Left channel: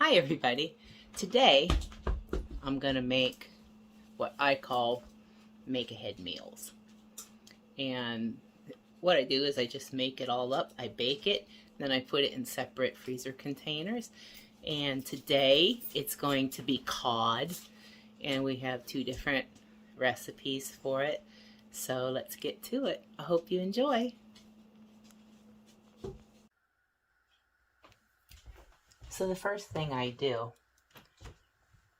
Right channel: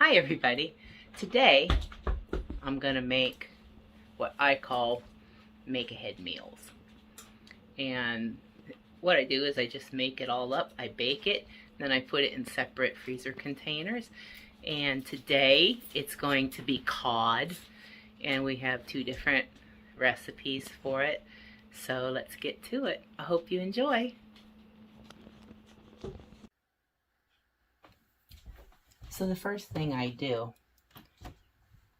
Hi everybody. Today I'm going to make what I call make ahead meals. And what I do is I just make it all up, I bake it, then I put it in separate freezer containers. And today it's going to be cod, and we have two different recipes for it. So let's get to it. I hope you enjoy. So the first thing I do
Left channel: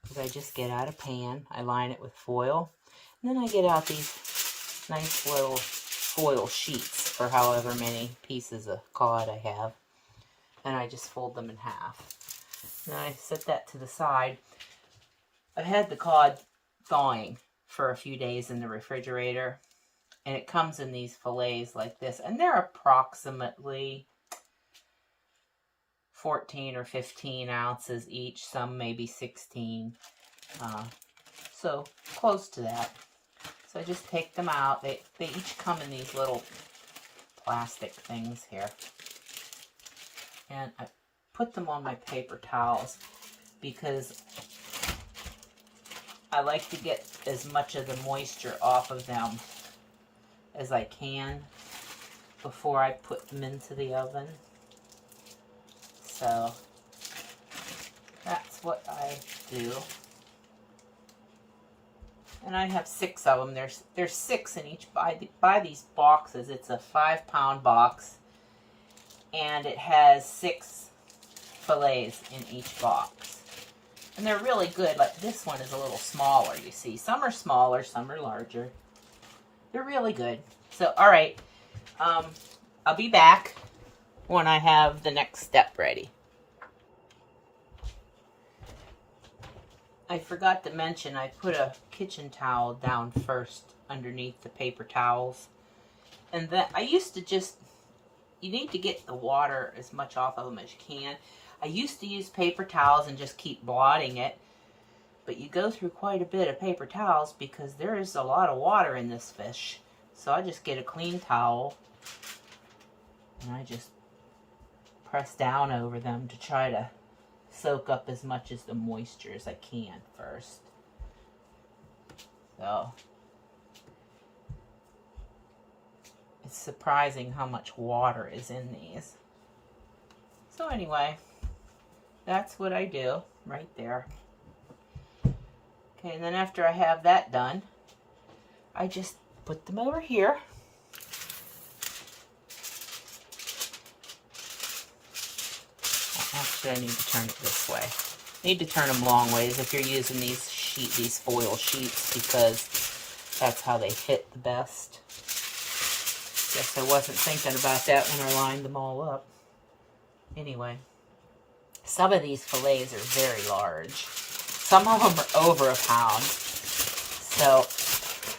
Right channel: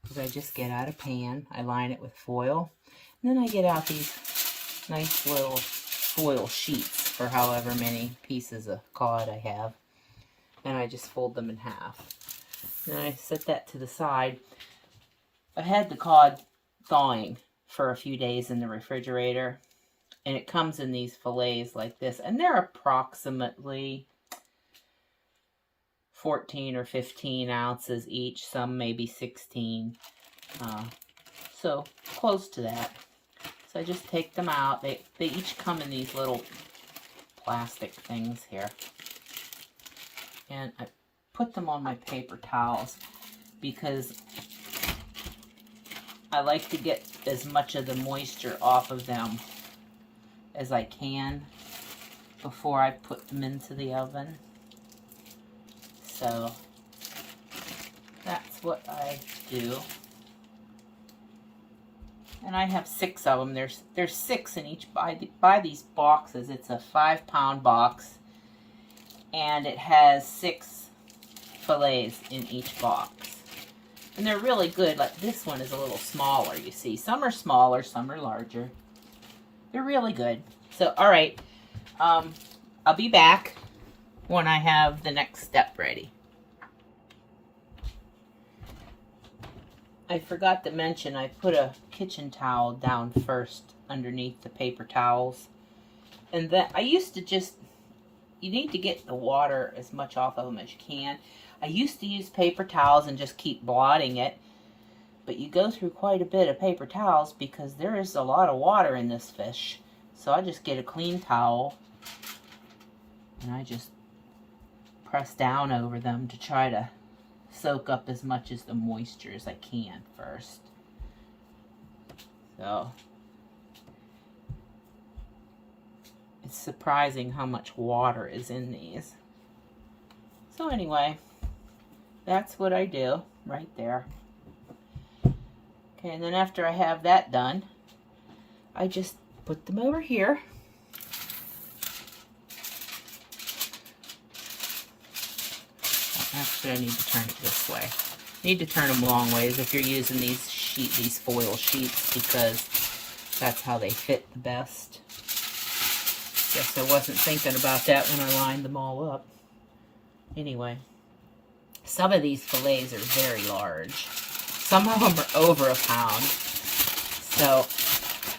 is I just get out a pan, I line it with foil, and then I get out these nice little foil sheets for however many pieces of cod I have, and I just fold them in half. Then I set that to the side. I had the cod thawing for a few days in the refrigerator, and it comes in these fillets like this, and they're approximately 14 or 15 ounces each, some maybe 16, so close to that. So I just take them out. They each come in these little plastic things here, and I put them on my paper towels because I like to get as much of the moisture off of them as I can before I put them into the oven. So that's what I do. And I have 6 of them. There's 6 in each. Buy these boxes. It's a 5-pound box, and it has 6 fillets in each box. And they're really good. Like this one is a little smaller, you see. Some are smaller, some are larger. They're really good. So, all right. I'll be back when I have the next step ready. I forgot to mention I put a kitchen towel down first underneath the paper towels. And then I used to you need to get the water as much off of them as you can. I used to use paper towels and just keep blotting it. But you go through quite a bit of paper towels because there is a lot of water in this fish. So I just get a clean towel and I just press down over them to try to soak up as much as the moisture as I can first. So it's surprising how much water is in these. So anyway, that's what I do right there. Okay, and then after I have that done, I just put them over here. Actually, I need to turn it this way. Need to turn them long ways if you're using these foil sheets, because that's how they fit the best. Guess I wasn't thinking about that when I lined them all up. Anyway, some of these fillets are very large. Some of them are over a pound. So,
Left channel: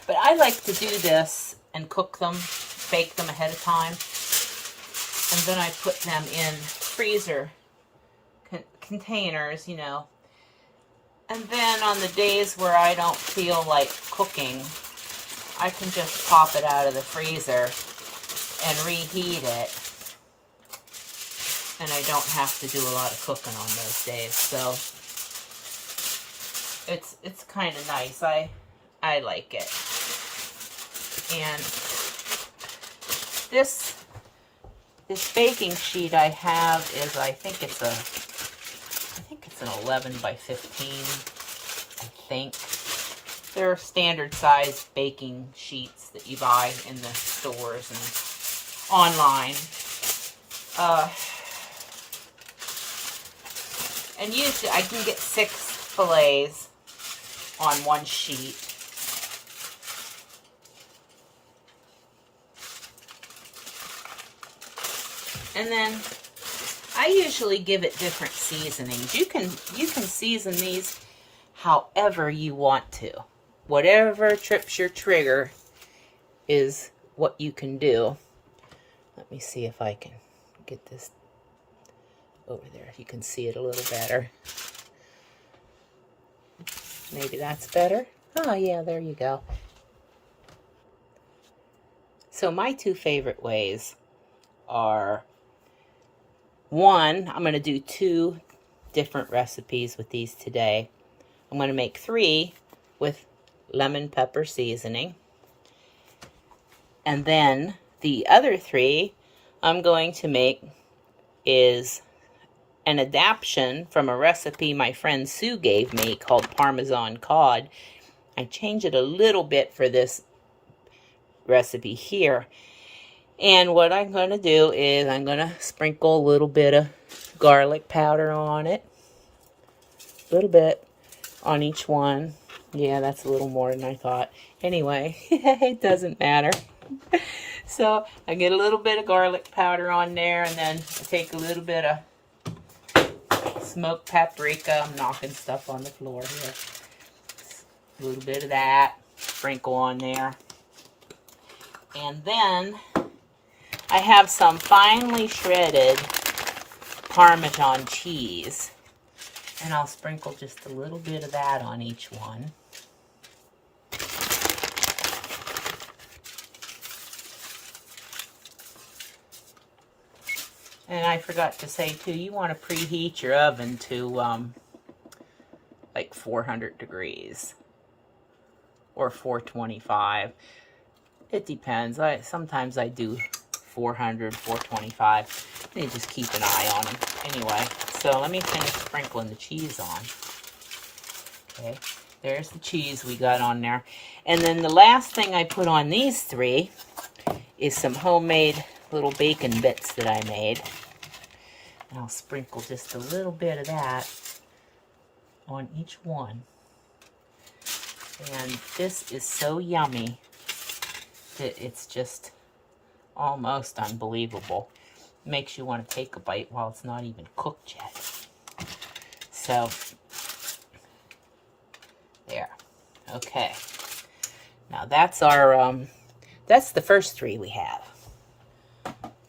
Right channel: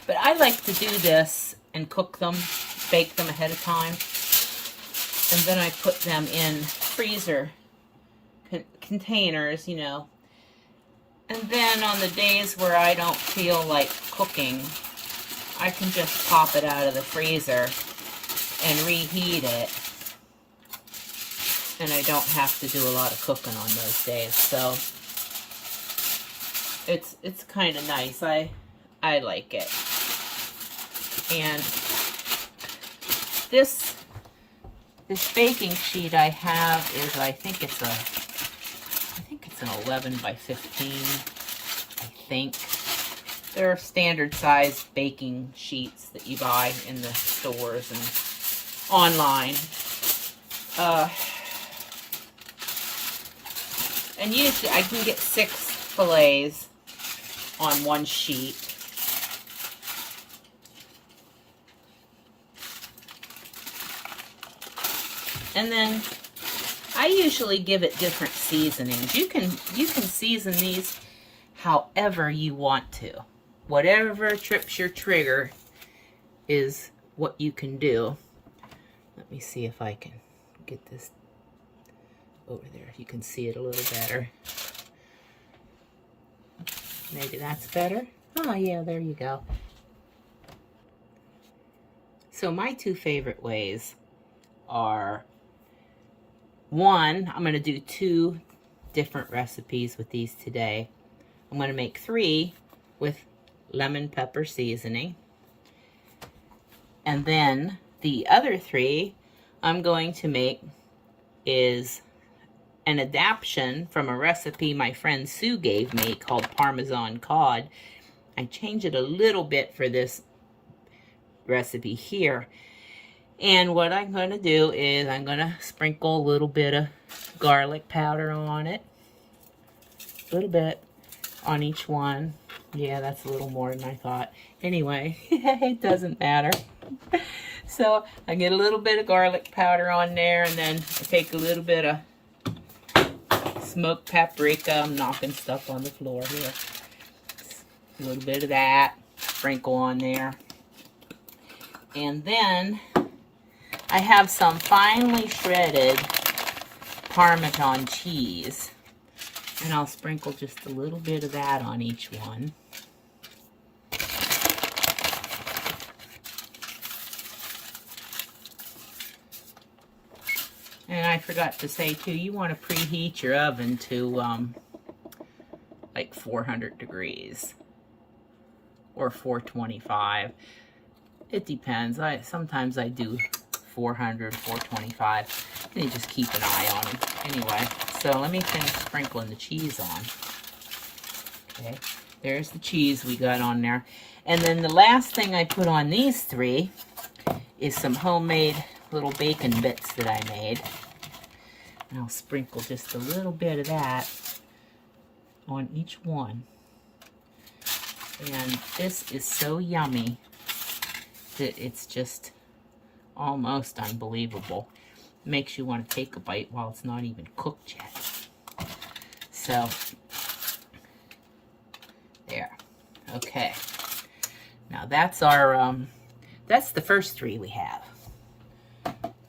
but I like to do this and cook them, bake them ahead of time, and then I put them in freezer containers, you know. And then on the days where I don't feel like cooking, I can just pop it out of the freezer and reheat it. And I don't have to do a lot of cooking on those days. So it's kind of nice. I like it. And this baking sheet I have is, I think it's an 11 by 15, I think. They're standard size baking sheets that you buy in the stores and online. And usually I can get 6 fillets on one sheet. And then I usually give it different seasonings. You can season these however you want to. Whatever trips your trigger is what you can do. Let me see if I can get this over there. If you can see it a little better. Maybe that's better. Oh yeah, there you go. So my 2 favorite ways are, one, I'm going to do 2 different recipes with these today. I'm going to make 3 with lemon pepper seasoning. And then the other 3 I'm going to make is an adaptation from a recipe my friend Sue gave me called Parmesan cod. I changed it a little bit for this recipe here. And what I'm going to do is I'm going to sprinkle a little bit of garlic powder on it. A little bit on each one. Yeah, that's a little more than I thought. Anyway, it doesn't matter. So I get a little bit of garlic powder on there, and then I take a little bit of smoked paprika. I'm knocking stuff on the floor here. A little bit of that. Sprinkle on there. And then I have some finely shredded Parmesan cheese. And I'll sprinkle just a little bit of that on each one. And I forgot to say too, you want to preheat your oven to like 400 degrees or 425. It depends. Sometimes I do 400, 425. And you just keep an eye on them. Anyway, so let me finish sprinkling the cheese on. Okay, there's the cheese we got on there. And then the last thing I put on these 3 is some homemade little bacon bits that I made. And I'll sprinkle just a little bit of that on each one. And this is so yummy that it's just almost unbelievable. Makes you want to take a bite while it's not even cooked yet. So, there. Okay. Now that's our, that's the first 3 we have.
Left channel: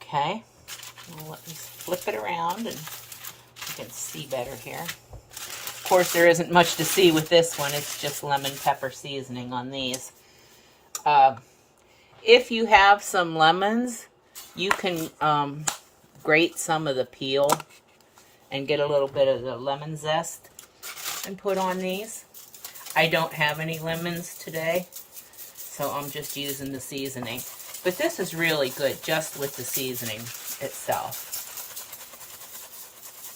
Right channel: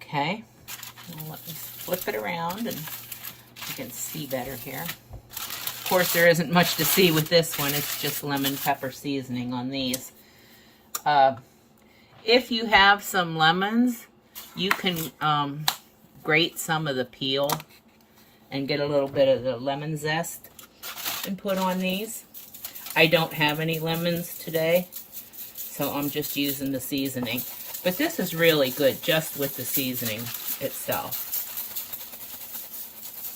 Okay. Now let me flip it around and you can see better here. Of course, there isn't much to see with this one. It's just lemon pepper seasoning on these. If you have some lemons, you can grate some of the peel and get a little bit of the lemon zest and put on these. I don't have any lemons today, so I'm just using the seasoning. But this is really good just with the seasoning itself.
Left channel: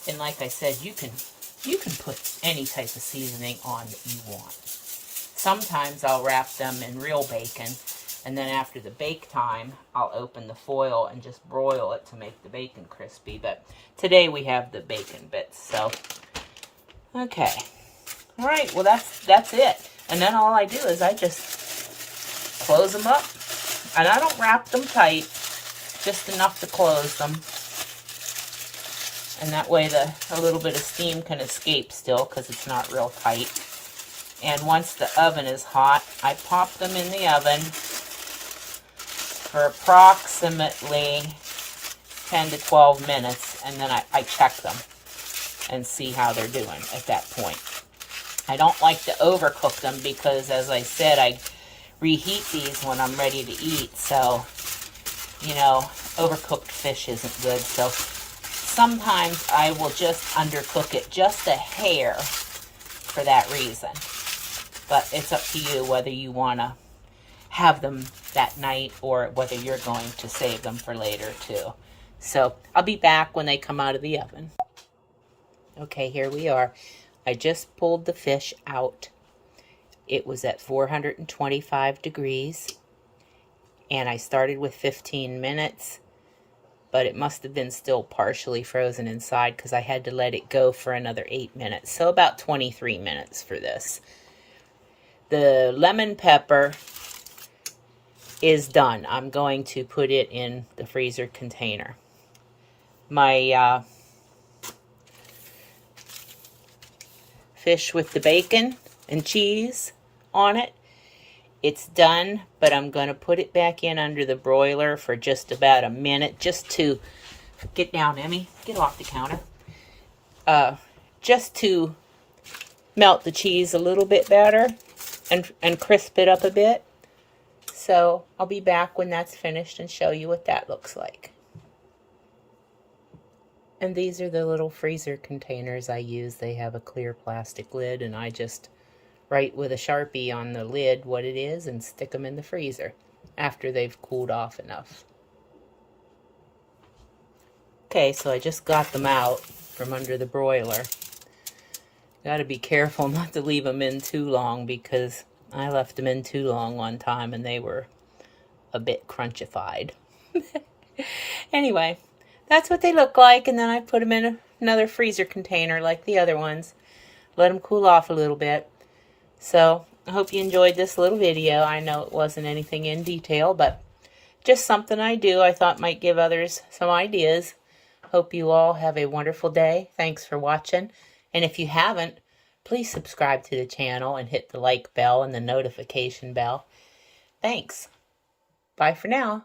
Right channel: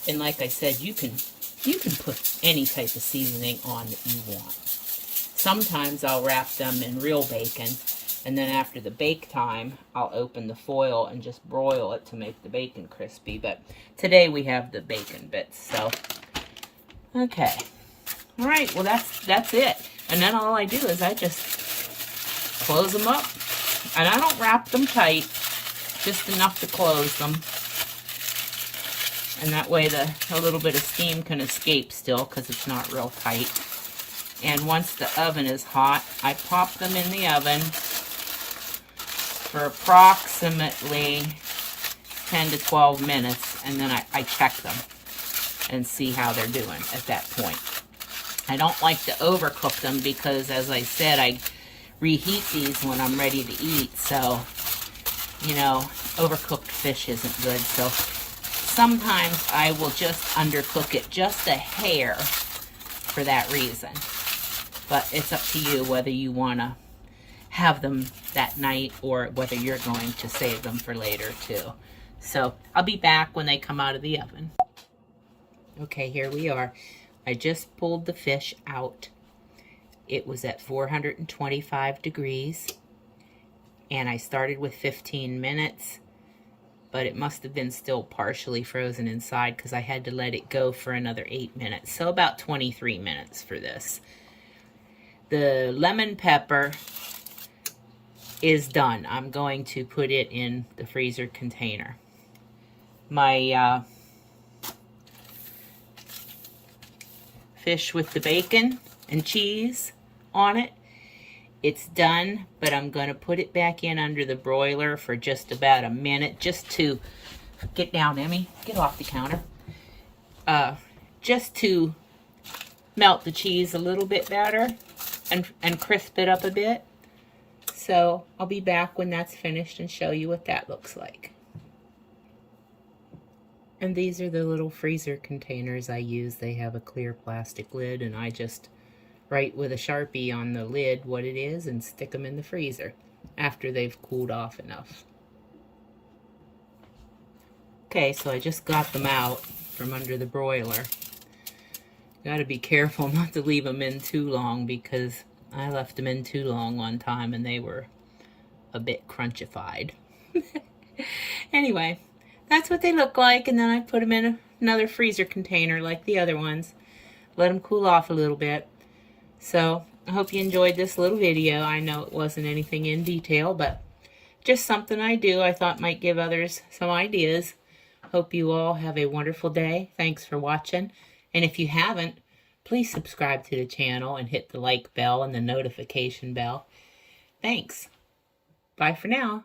And like I said, you can put any type of seasoning on that you want. Sometimes I'll wrap them in real bacon, and then after the bake time, I'll open the foil and just broil it to make the bacon crispy. But today we have the bacon bits, so. Okay. All right, well that's it. And then all I do is I just close them up. And I don't wrap them tight, just enough to close them. And that way a little bit of steam can escape still because it's not real tight. And once the oven is hot, I pop them in the oven for approximately 10 to 12 minutes, and then I check them and see how they're doing at that point. I don't like to overcook them because, as I said, I reheat these when I'm ready to eat, so, you know, overcooked fish isn't good. So sometimes I will just undercook it just a hair for that reason. But it's up to you whether you want to have them that night or whether you're going to save them for later too. So I'll be back when they come out of the oven. Okay, here we are. I just pulled the fish out. It was at 425 degrees, and I started with 15 minutes, but it must have been still partially frozen inside because I had to let it go for another 8 minutes, so about 23 minutes for this. The lemon pepper is done. I'm going to put it in the freezer container. My fish with the bacon and cheese on it, it's done, but I'm going to put it back in under the broiler for just about a minute, just to get down, Emmy, get off the counter, just to melt the cheese a little bit better and crisp it up a bit. So I'll be back when that's finished and show you what that looks like. And these are the little freezer containers I use. They have a clear plastic lid, and I just write with a Sharpie on the lid what it is and stick them in the freezer after they've cooled off enough. Okay, so I just got them out from under the broiler. Gotta be careful not to leave them in too long, because I left them in too long one time and they were a bit crunchified. Anyway, that's what they look like, and then I put them in another freezer container like the other ones. Let them cool off a little bit. So, I hope you enjoyed this little video. I know it wasn't anything in detail, but just something I do I thought might give others some ideas. Hope you all have a wonderful day. Thanks for watching. And if you haven't, please subscribe to the channel and hit the like bell and the notification bell. Thanks. Bye for now.